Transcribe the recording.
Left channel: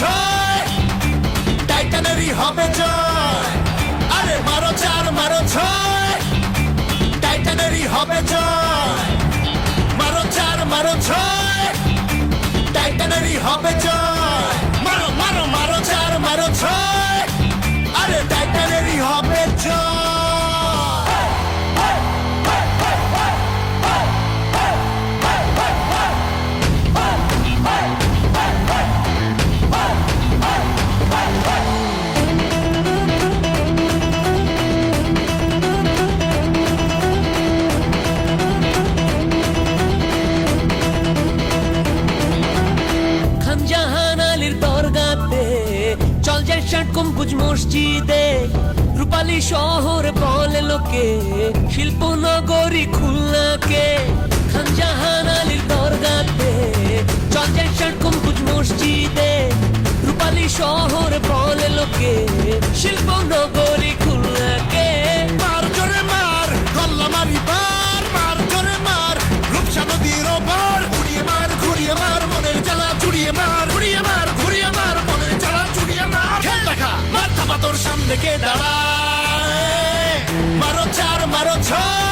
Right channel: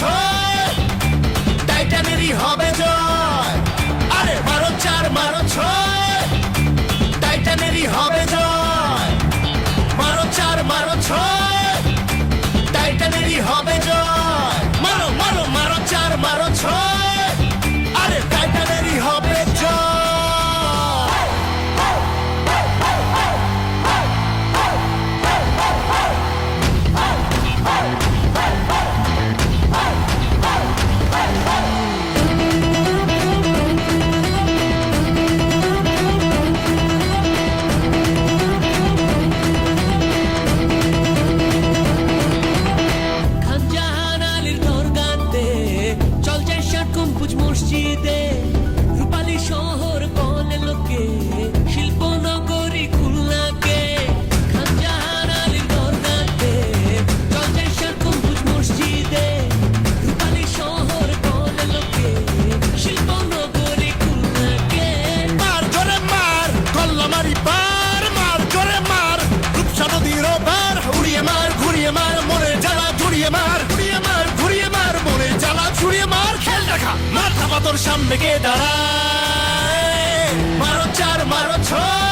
ছয়, টাইটানেরই হবে জয়। আরে মারো চার মারো ছয়, টাইটানেরই হবে জয়। মারো চার মারো ছয়, টাইটানেরই হবে জয়। মারো মারো মারো চার মারো ছয়, আরে টাইটানেরই হবে জয়। খানজাহান আলীর দরগাতে চল যাই ষাট গম্বুজ মসজিদে। রূপালী শহর বলে লোকে, শিল্পনগরী খুলনাকে। খানজাহান আলীর দরগাতে চল যাই ষাট গম্বুজ মসজিদে। রূপালী শহর বলে লোকে, শিল্পনগরী খুলনাকে। মার করে মার কল্লা মারি পার, মার করে মার রূপসা নদীর ওপার। উড়িয়ে মার ঘুরিয়ে মার মনের জ্বালা জুড়িয়ে মার, উড়িয়ে মার ঘুরিয়ে মার মনের জ্বালা জুড়িয়ে মার। খেল দেখা মাথা মাতর সামনে গিয়ে দাঁড়ায়। মারো চার মারো ছয়,